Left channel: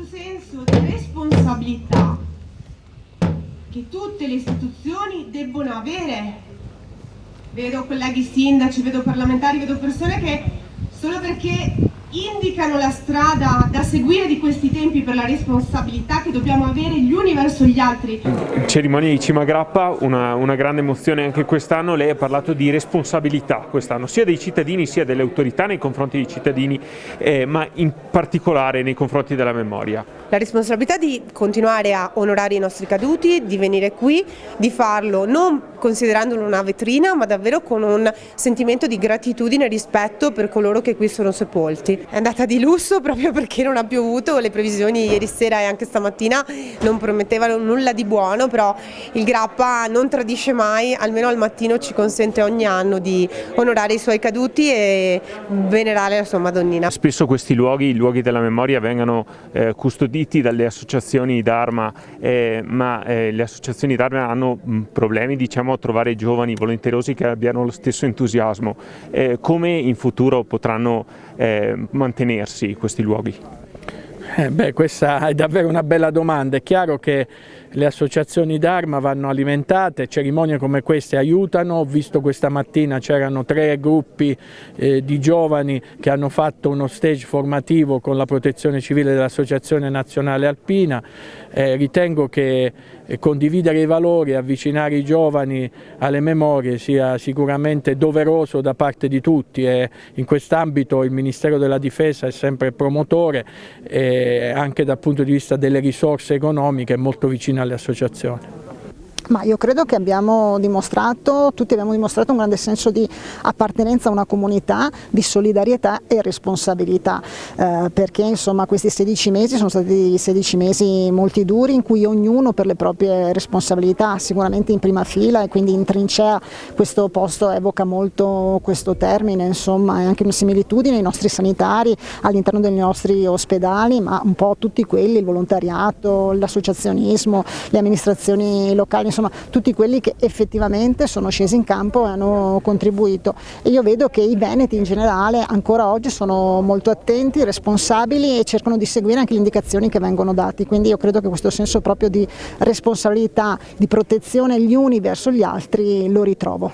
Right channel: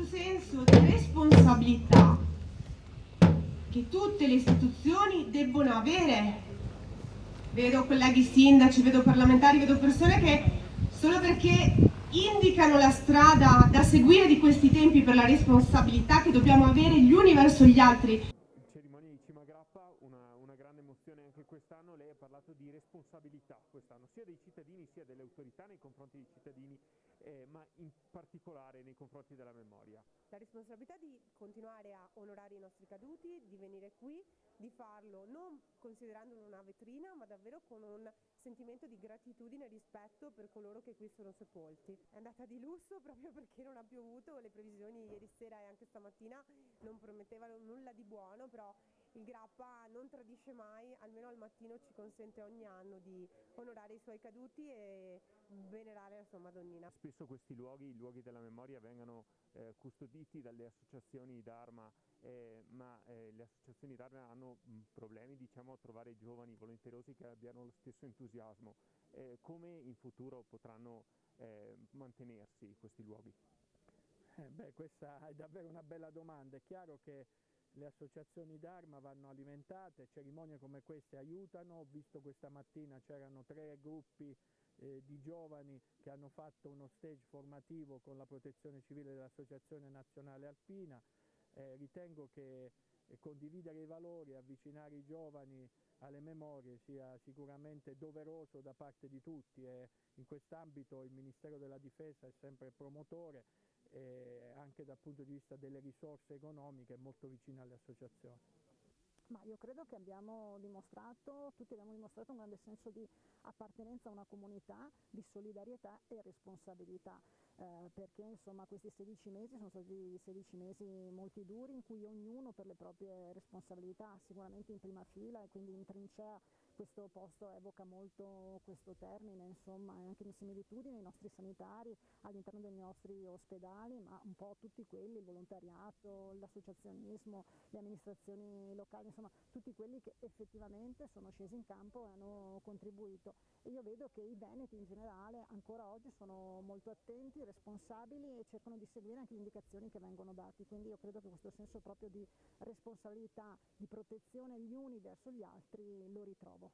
questo senso di responsabilità che tutte le istituzioni debbono avere. Vedo colleghi sindaci, vedo parlamentari, vedo persone che solo perché indicano la strada da seguire di questi tempi per la responsabilità che dobbiamo avere gli uni verso gli altri. Cerimonia di Cima Grappa, una grande emozione anche quest'anno. Lei ha parlato di responsabilità quest'anno, sia dei cittadini sia delle autorità nei confronti dei cittadini, ma in particolare nei confronti della memoria. La responsabilità di continuare a onorare i nostri caduti, di venire qui, di farlo non considerandolo una vetrina, ma davvero con un sentimento di gratitudine e rispetto per coloro che qui sono sepolti. È andata di lusso proprio perché non ha piovuto, le previsioni ieri sera e anche stamattina non promettevano nulla di buono, però il Grappa non tradisce mai, almeno al mattino ci consente ogni anno di onorare i suoi caduti e venerare la sua Madonnina. Spesso questi luoghi, i luoghi della memoria, vengono custoditi dalle associazioni d'Arma, ma le associazioni d'Arma hanno problemi, diciamo, a trovare giovani volenterosi che abbiano lo stesso entusiasmo. Come in futuro potranno mantenersi questi luoghi? Questa è davvero una bella domanda. È chiaro che le associazioni d'Arma vanno alimentate, cerimonie come queste aiutano. Ho visto questa mattina c'erano 3 gruppi di giovani che hanno fatto uno stage formativo con la Protezione Civile dell'Associazione Nazionale Alpina. Ritengo che condividere i valori e avvicinare i giovani alle memorie sia sicuramente doveroso da parte di tutti, e in quest'ambito il Ministero della Difesa è sempre promotore, anche dal punto di vista delle risorse economiche è molto vicino alle associazioni. Ma io credo che tutti abbiamo dimostrato un grande senso di appartenenza a una comunità, di solidarietà e responsabilità, perché insomma questi 16 mesi sono stati 16 mesi molti duri in cui ognuno per le proprie responsabilità, sicuramente in prima fila e quindi in trincea. Questo posto evoca molto questo termine, insomma è anche una similitudine ai nostri sanitari all'interno dei nostri ospedali, ma un po' tutti quelli, il volontariato, l'associazionismo, le amministrazioni locali, insomma tutti quelli che effettivamente sono scesi in campo e hanno contribuito. E io vedo che i veneti in generale ancora oggi sono molto attenti, responsabili e cercano di seguire anche le indicazioni che vengono date, quindi io credo che questo senso proprio di responsabilità, di protezione gli uni verso gli altri lo ritrovo.